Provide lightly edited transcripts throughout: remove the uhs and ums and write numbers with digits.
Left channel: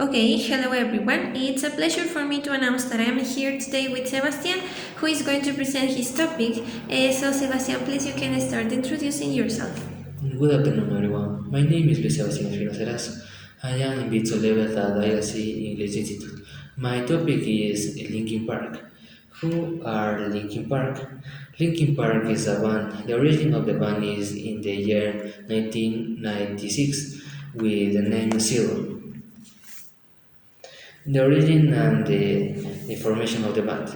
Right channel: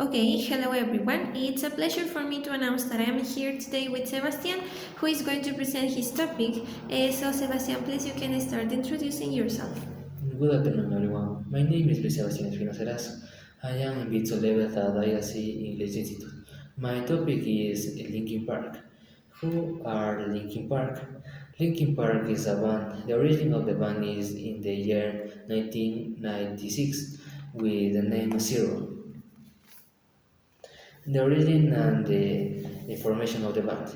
Okay, hello everyone. It's a pleasure for me to announce that I am here today with Sebastian, who is going to present his topic. So, Sebastian, please you can start introducing yourself. Good afternoon, everyone. My name is Sebastian Espinoza. I am in B2 level at ILC English Institute. My topic is Linkin Park. Who are Linkin Park? Linkin Park is a band. The origin of the band is in the year 1996 with the name Zero. The origin and the formation of the band.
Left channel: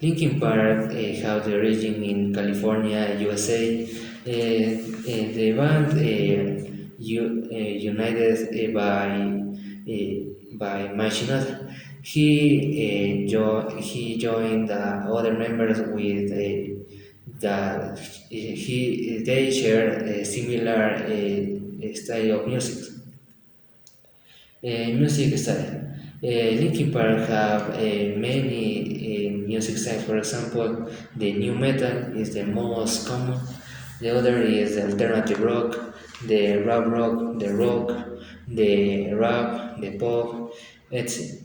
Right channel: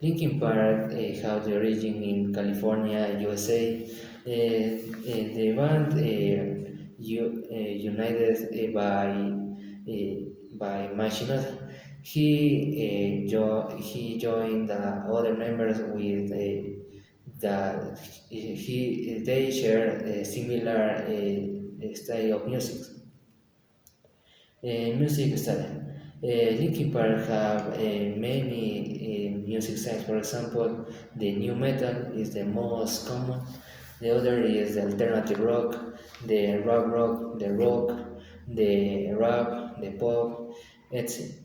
Linkin Park have the origin in California, USA. The band united by Machinot. He joined the other members with they share a similar style of music style. Linkin Park have many music styles. For example, the new metal is the most common. The other is the alternative rock, the rock, the rock, the rap, the pop, etc.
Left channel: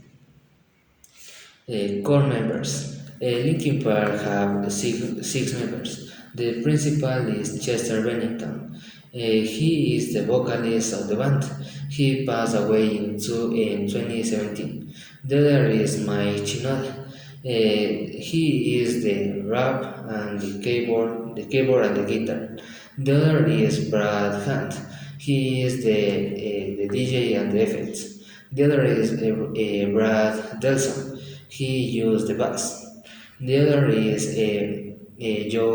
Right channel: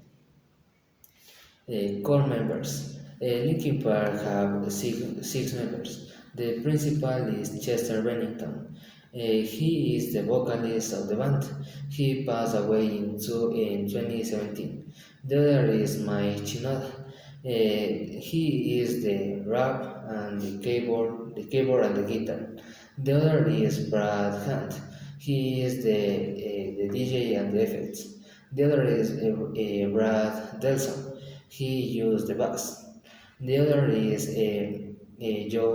Core members. Linkin Park have six members. The principal is Chester Bennington. He is the vocalist of the band. He passed away in 2017. The other is Mike Chinoda. He is the rap and the keyboard and the guitar. The other is Brad Hunt. He is the DJ and the effects. The other is Brad Delson. He used the bass. The other is Joe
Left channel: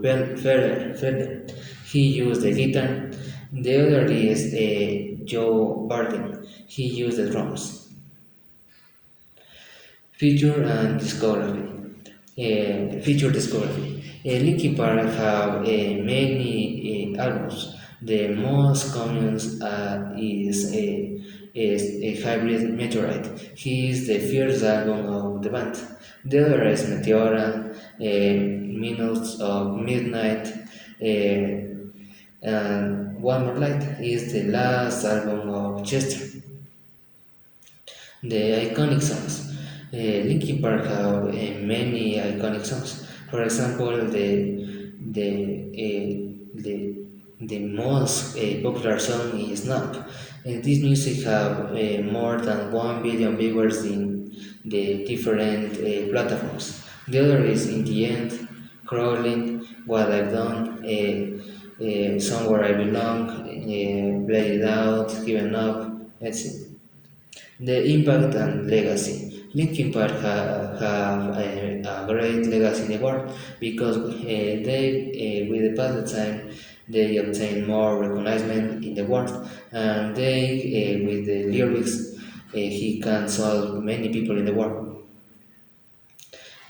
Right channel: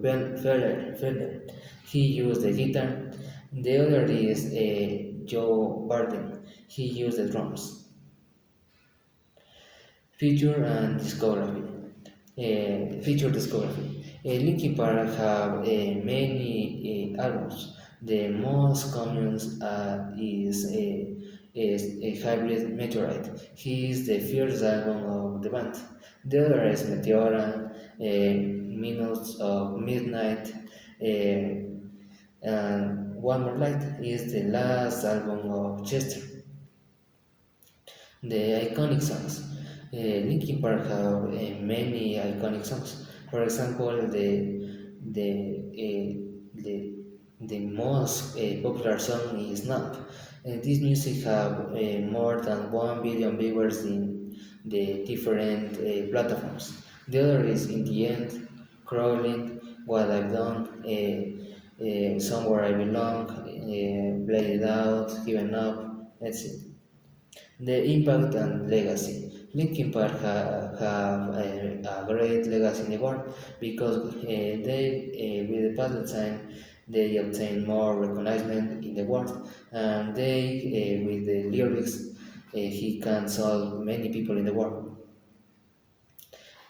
Ferner. He used the guitar. The other is Joe Barton. He used the drums. Feature and discovery. Feature discovery. Linkin Park have many albums. The most common is a hybrid meteorite. He is the first album of the band. The other is Meteora, Minutes of Midnight, and One More Light is the last album of Chester. The iconic songs. Linkin Park have many iconic songs. For example, the most popular song is Numb. This music have more than 1 billion viewers in the different platforms. The other is In the End, Crawling, What I've Done, Somewhere I Belong, Play It Out, Given Up, etc. The impact and legacy. Linkin Park have a great legacy in the world because with the passing time, they obtain more recognition in the world, and with the lyrics, he can solve many people in the world.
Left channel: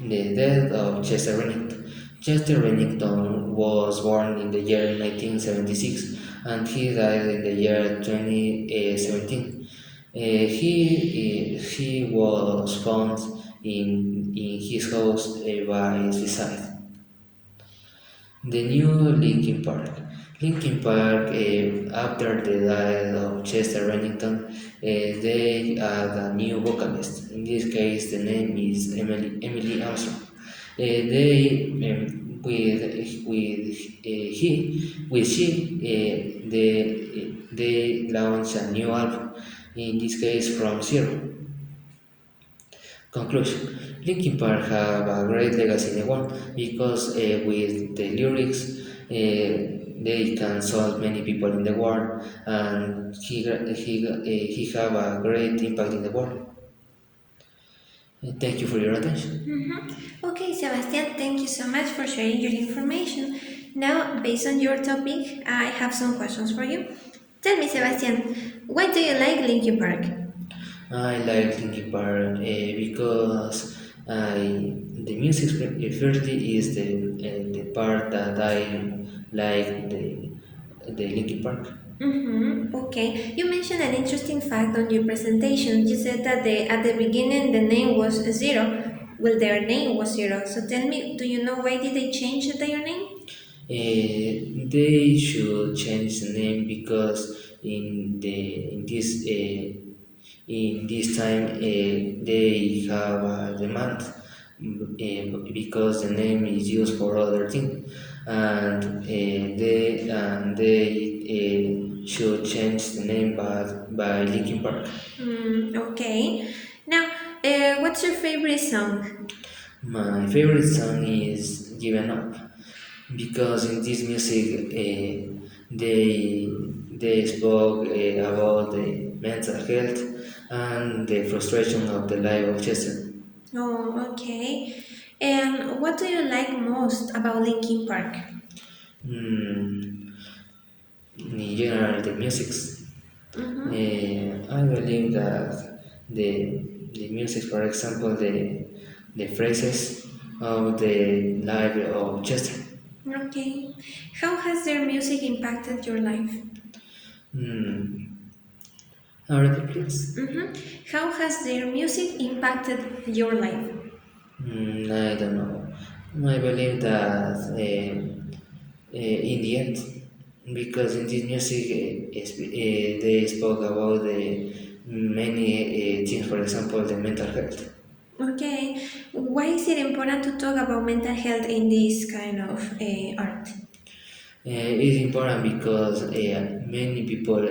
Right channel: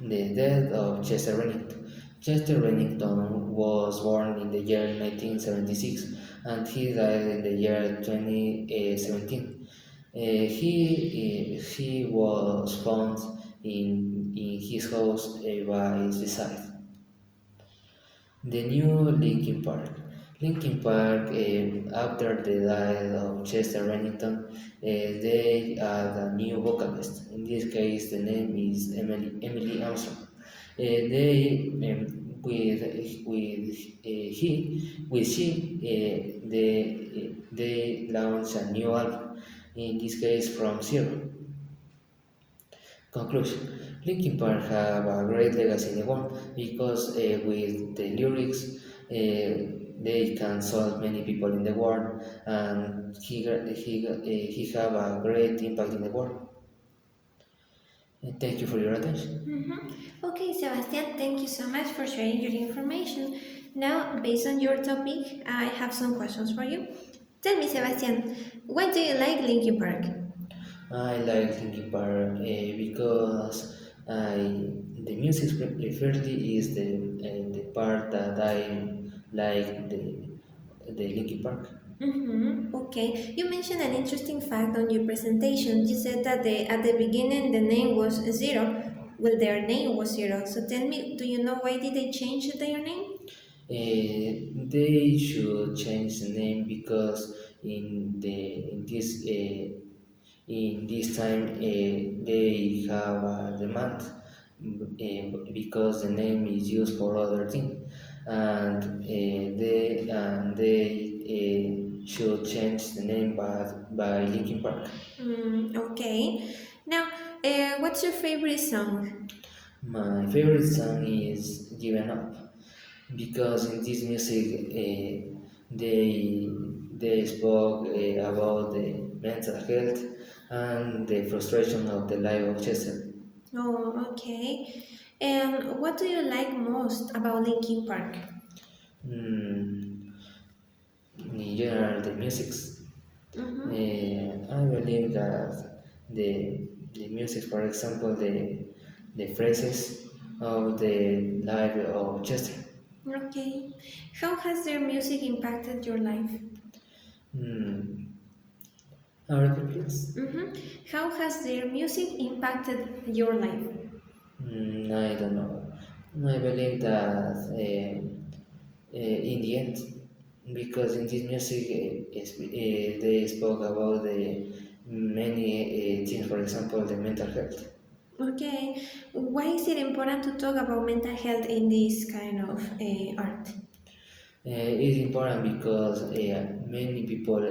The death of Chester Bennington. Chester Bennington was born in the year 1976 and he died in the year 2017. He was found in his house by suicide. The new Linkin Park. Linkin Park, after the death of Chester Bennington, they add a new vocalist. In this case, the name is Emily Armstrong. They with she they launched a new album. In this case, from zero. Conclusion. Linkin Park have a great legacy in the world because with the lyrics they can solve many people in the world and he have a great impact in the world. Thank you for your attention. Okay, Sebastian, thank you so much for sharing your information. Now, based on your topic, I have some questions for you. Tell me, Sebastian, why do you like Linkin Park? I like Linkin Park because the music firstly is the part that I like the Linkin Park. Okay, you mentioned an interesting fact on your presentation. You said that at the beginning the name was Zero. Well, their name was Zero. So tell me, do you know why did they change their name? They should change the name because in In this time, they have a demand because the name is used for other things, and they should change the name by Linkin Park. Okay. Now, what's your favorite song? My favorite song is Given Up because in this music they spoke about the mental health and the frustration of the life of Chester. Oh, okay. And what do you like most about Linkin Park? Mm, in general, the music. Mm-hmm. I believe that the music, for example, the phrases of the life of Chester. Okay. How has their music impacted your life? Mm, repeat, please. Mm-hmm. How has their music impacted your life? I don't know. I believe that in the end, because in this music they spoke about many things, for example, the mental health. Okay. Why is it important to talk about mental health in this kind of art? It's important because many people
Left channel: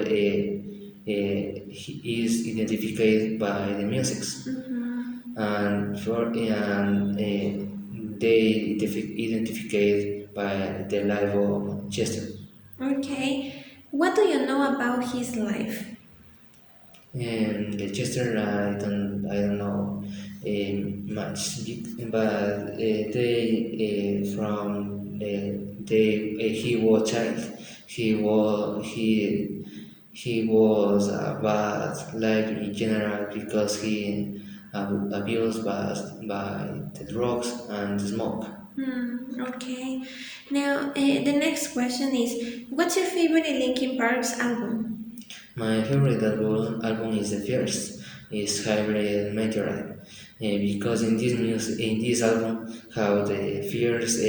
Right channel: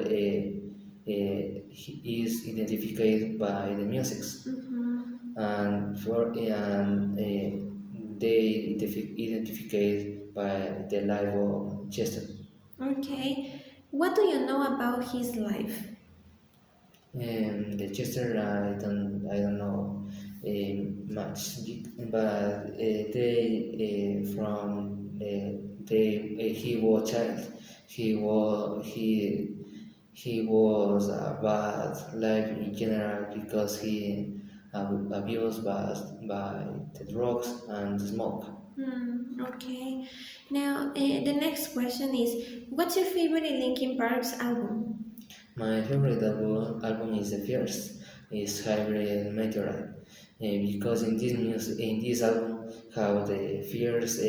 is identified by the music, Mm-hmm. and they identified by the life of Chester. Okay. What do you know about his life? The Chester, I don't know much, but he was child. He was a bad life in general because he abused by the drugs and the smoke. Okay. Now, the next question is, what's your favorite Linkin Park's album? My favorite album is the first, is Hybrid Meteorite, because in this album, how the first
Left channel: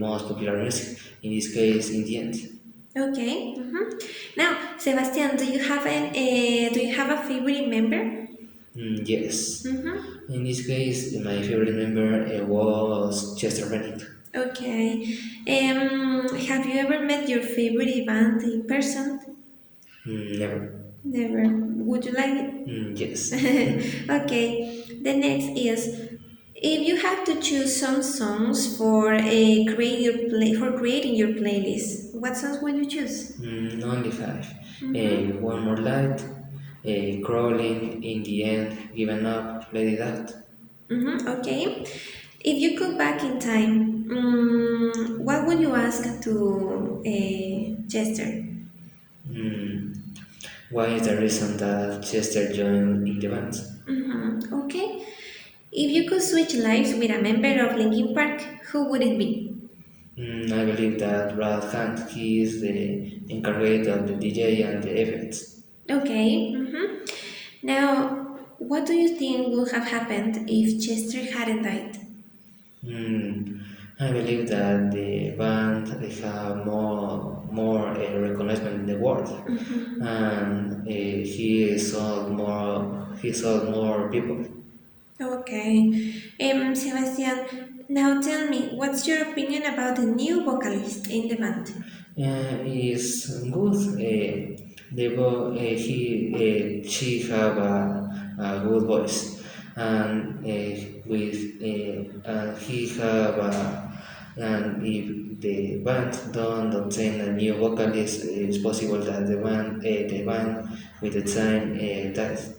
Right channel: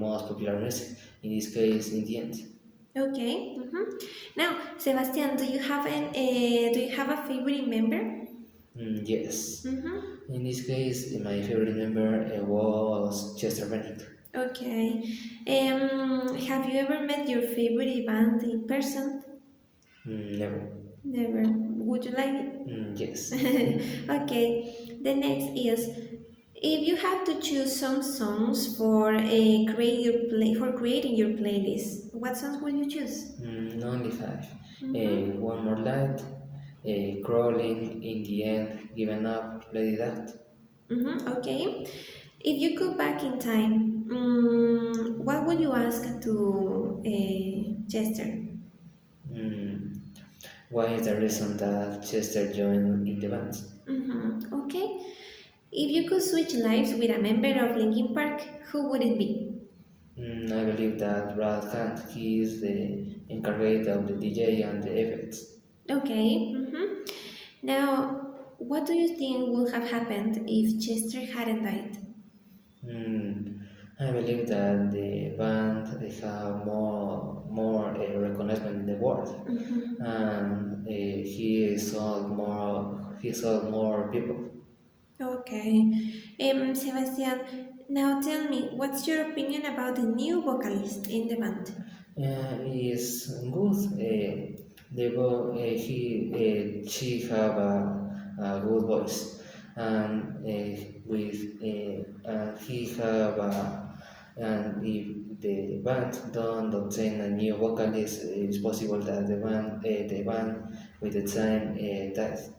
most popular music, in this case, in the end. Okay. Now, Sebastian, do you have a favorite member? Yes, Mm-hmm. in this case, my favorite member was Chester Bennett. Okay. Have you ever met your favorite band in person? Never. Never. Would you like Yes. it? Okay. The next is, if you have to choose some songs for creating your playlist, what songs would you choose? Only five. Mm-hmm. One more light, crawling, in the end, giving up, lady that. Mm-hmm. Okay. If you could back in time, what would you ask to Chester? Mm, why is the reason that Chester joined in the band? Mm-hmm. Okay. If you could switch lives with a member of Linkin Park, who would it be? I believe that Brad Hunt, he is the incarnate of the DJ and the effects. Okay. Now, what do you think would have happened if Chester hadn't died? Mm, I believe that the band have more recognition in the world, and he sold more people. Okay. Sebastian, now tell me, what's your opinion about the new vocalist in the band? Is good. She have a good voice, and he have and if the band don't obtain a new vocalist, it's possible that the band with the time dies.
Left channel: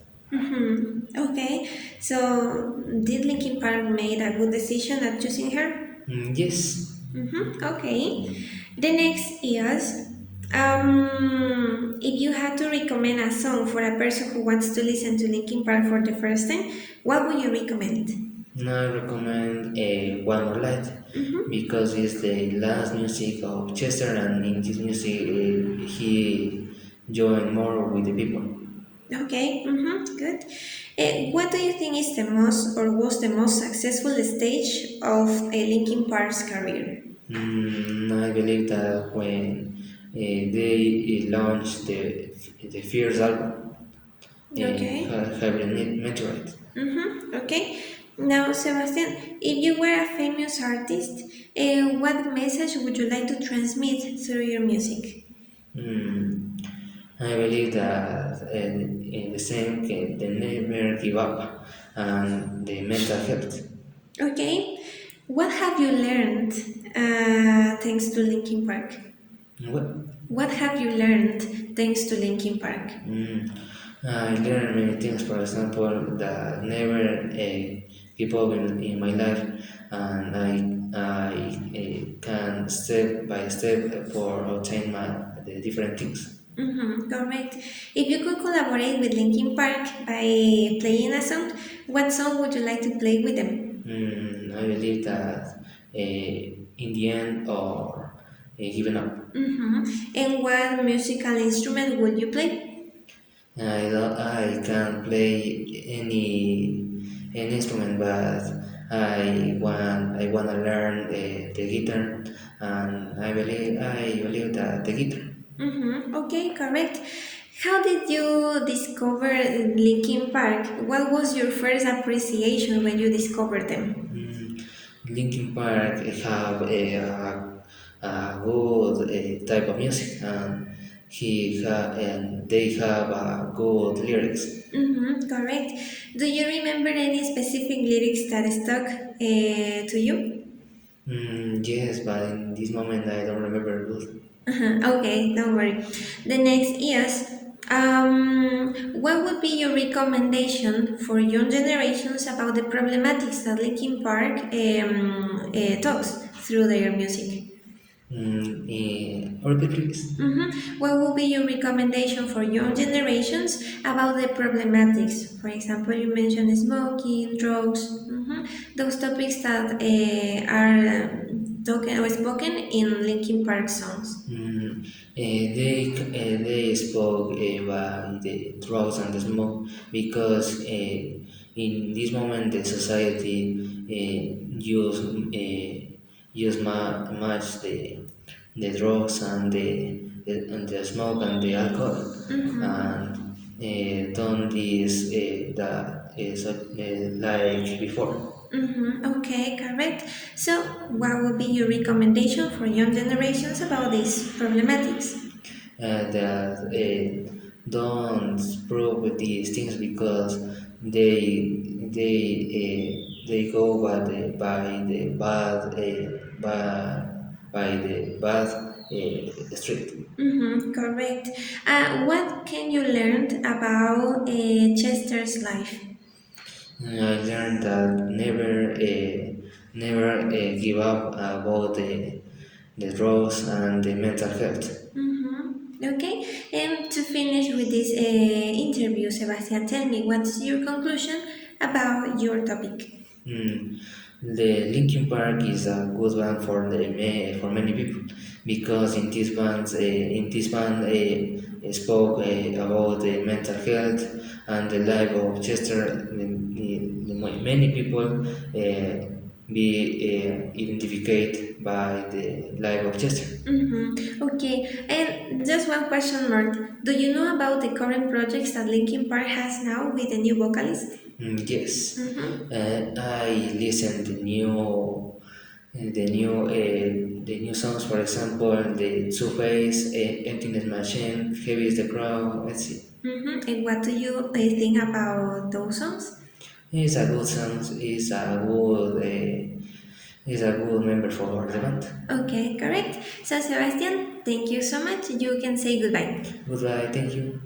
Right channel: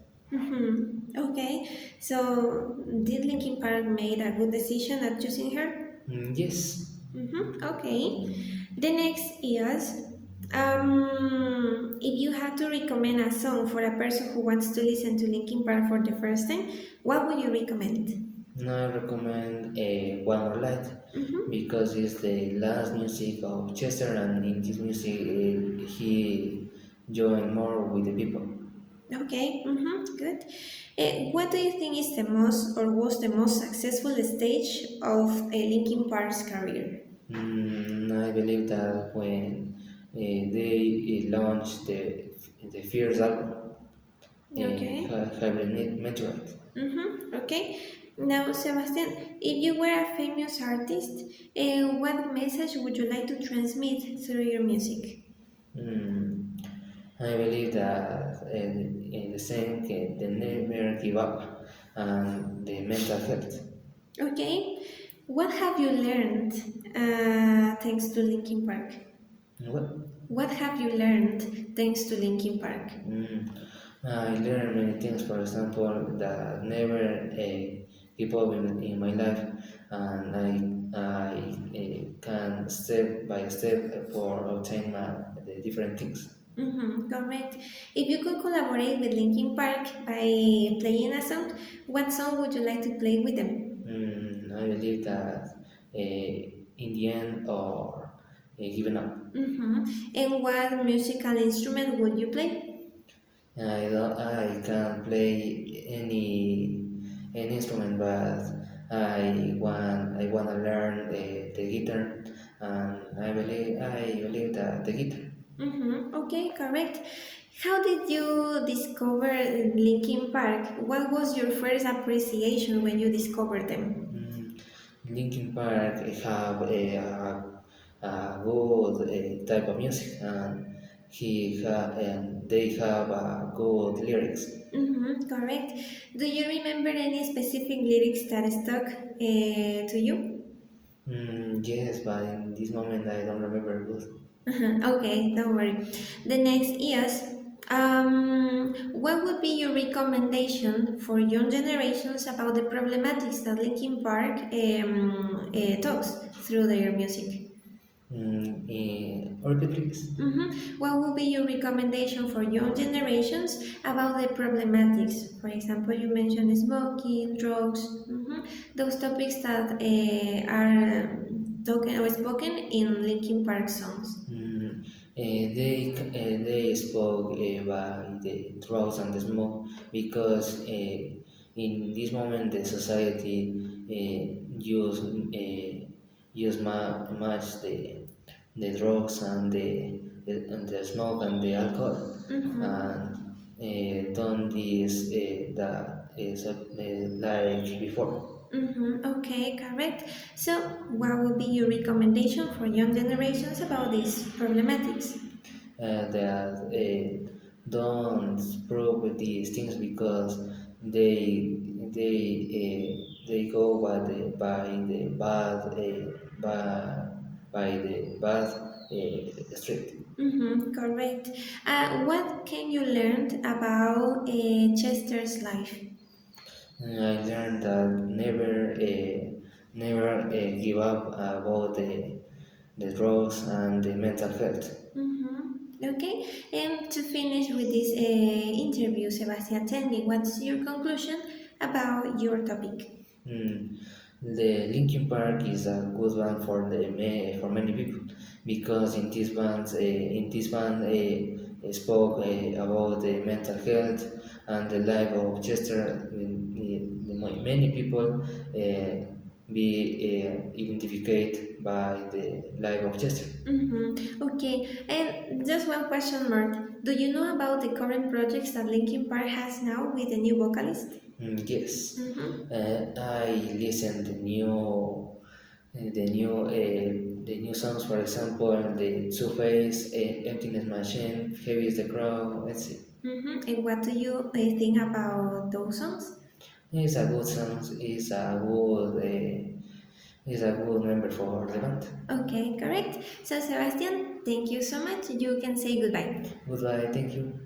Okay, so did Linkin Park made a good decision at choosing her? Yes. Okay. The next is, if you had to recommend a song for a person who wants to listen to Linkin Park for the first time, what would you recommend? I recommend One More Light because it's the last music of Chester, and in this music he joined more with the people. Okay, good. What do you think is the most or was the most successful stage of Linkin Park's career? I believe that when they launched the the first album, Okay. Hybrid Meteorite. Okay. Now, Sebastian, if you were a famous artist, what message would you like to transmit through your music? Mm, I believe that in the same, they never give up, and the mental health. Okay. What have you learned thanks to Linkin Park? What? What have you learned thanks to Linkin Park? Mm, I learned many things, for example, that never give up in my life, and I can step by step for obtain the different things. Correct. If you could collaborate with Linkin Park by playing a song, what song would you like to play with them? I believe that in the end or giving up. And what musical instrument would you play? I can't play any instrument, but I wanna learn the guitar, and I believe that the guitar. Okay, correct. How did you discover Linkin Park? What was your first appreciation when you discovered them? Mm, Linkin Park have a good type of music, and they have good lyrics. Correct. Do you remember any specific lyrics that stuck to you? Yes, but in this moment I don't remember good. Okay, don't worry. The next is, what would be your recommendation for young generations about the problematics that Linkin Park talks through their music? Repeat please. What would be your recommendation for young generations about the problematics? For example, you mentioned smoking, drugs, those topics that are talking or spoken in Linkin Park songs. They spoke about the drugs and the smoke because in this moment the society use much the drugs and the smoke and the alcohol, and don't is that is like before. Okay, correct. So, what would be your recommendation for young generations about these problematics? That don't prove these things because they go by the bad street. Correct. What can you learn about Chester's life? I learned that never give up about the drugs and the mental health. Okay, and to finish with this interview, Sebastian, tell me what's your conclusion about your topic? Mm. The Linkin Park is a good band for many people because in this band spoke about the mental health and the life of Chester. Many people be identified by the life of Chester. Okay, and just one question more. Do you know about the current projects that Linkin Park has now with the new vocalist? Yes, Mm-hmm. I listened the new songs. For example, the Two Face, Emptiness Machine, Heavy is the Crowd. Let's see. And what do you think about those songs? It's a good song. It's a good member for the band. Okay, correct. So, Sebastian, thank you so much. You can say goodbye. Goodbye. Thank you.